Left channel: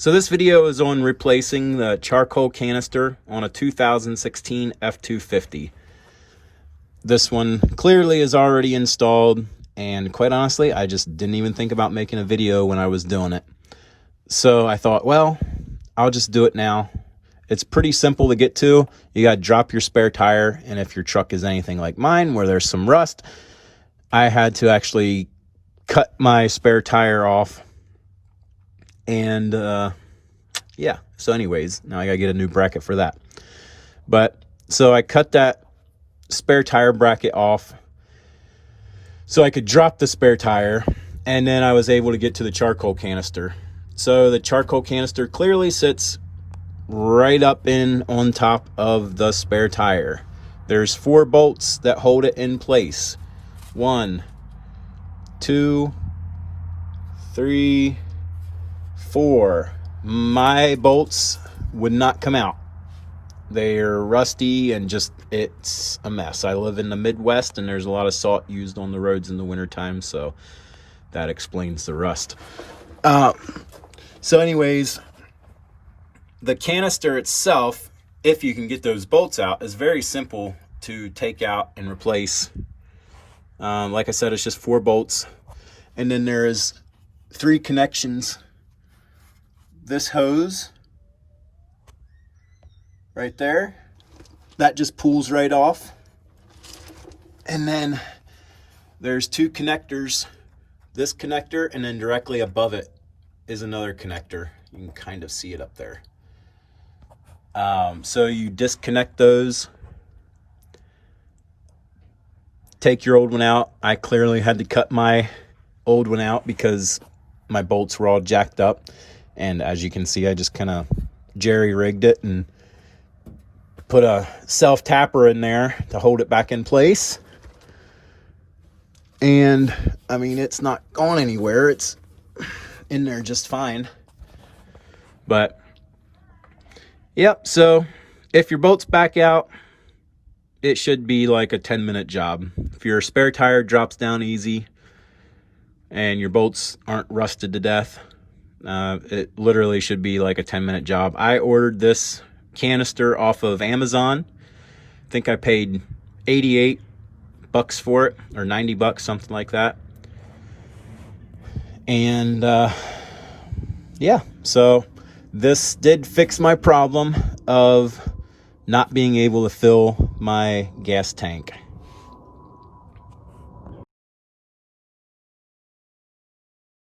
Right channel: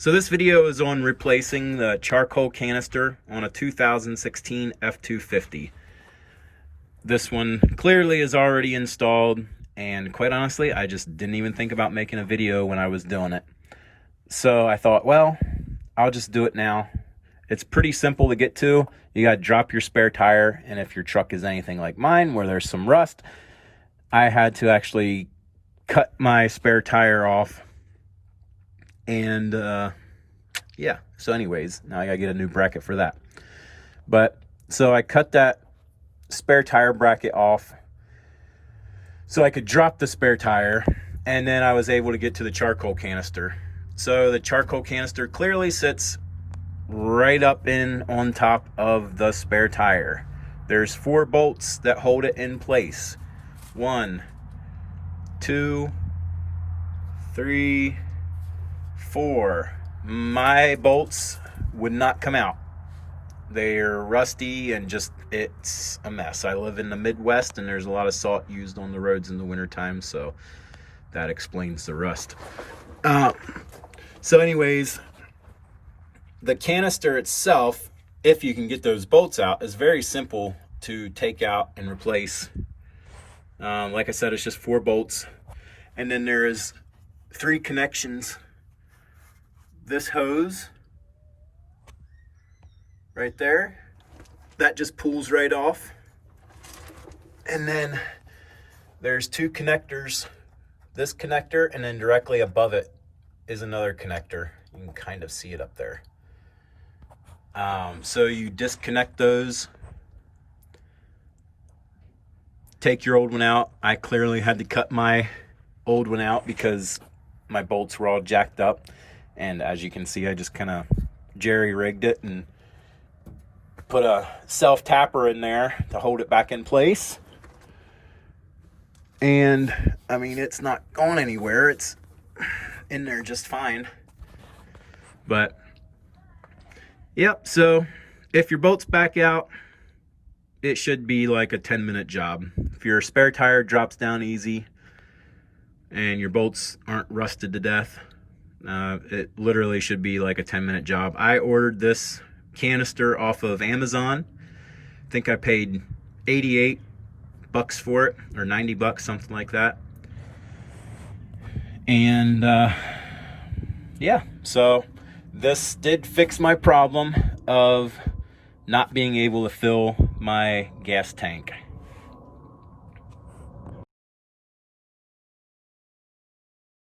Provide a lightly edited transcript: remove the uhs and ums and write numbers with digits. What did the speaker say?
So this video is on replacing the charcoal canister on a 2016 F250. This one clearly is already installed, and quite honestly, I just didn't even think about making a video when I was doing it. So I thought, well, I'll just do it now. It's pretty simple to get to. You got to drop your spare tire, and if your truck is anything like mine where there's some rust, I had to actually cut my spare tire off. And yeah, so anyways, now I gotta get a new bracket for that. But so I cut that spare tire bracket off so I could drop the spare tire, and then I was able to get to the charcoal canister. So the charcoal canister clearly sits right up on top of the spare tire. There's 4 bolts that hold it in place. 1, 2, 3, 4. My bolts would not come out. They're rusty and just, it's a mess. I live in the Midwest and there's a lot of salt used on the roads in the wintertime, so that explains the rust. So anyways, the canister itself, if you can get those bolts out, is very simple to take out and replace. Like I said, it's just 4 bolts, and then there is 3 connections. This hose right there, that just pulls right off. And then there's 2 connectors, this connector, and then directly above it is another connector. You can kind of see it up there. So you disconnect those, take your old one out. I clearly had to cut my old one out because my bolts were all jacked up. And as you can see, I just kind of jerry-rigged it and put a self-tapper in there to hold it back in place. And, I mean, it's not going anywhere. It's in there just fine. But, yep, so if your bolt's back out, it should be like a 10-minute job. If your spare tire drops down easy and your bolts aren't rusted to death, it literally should be like a 10-minute job. I ordered this canister off of Amazon. I think I paid 88 bucks for it, or 90 bucks, something like that. And yeah, so this did fix my problem of not being able to fill my gas tank.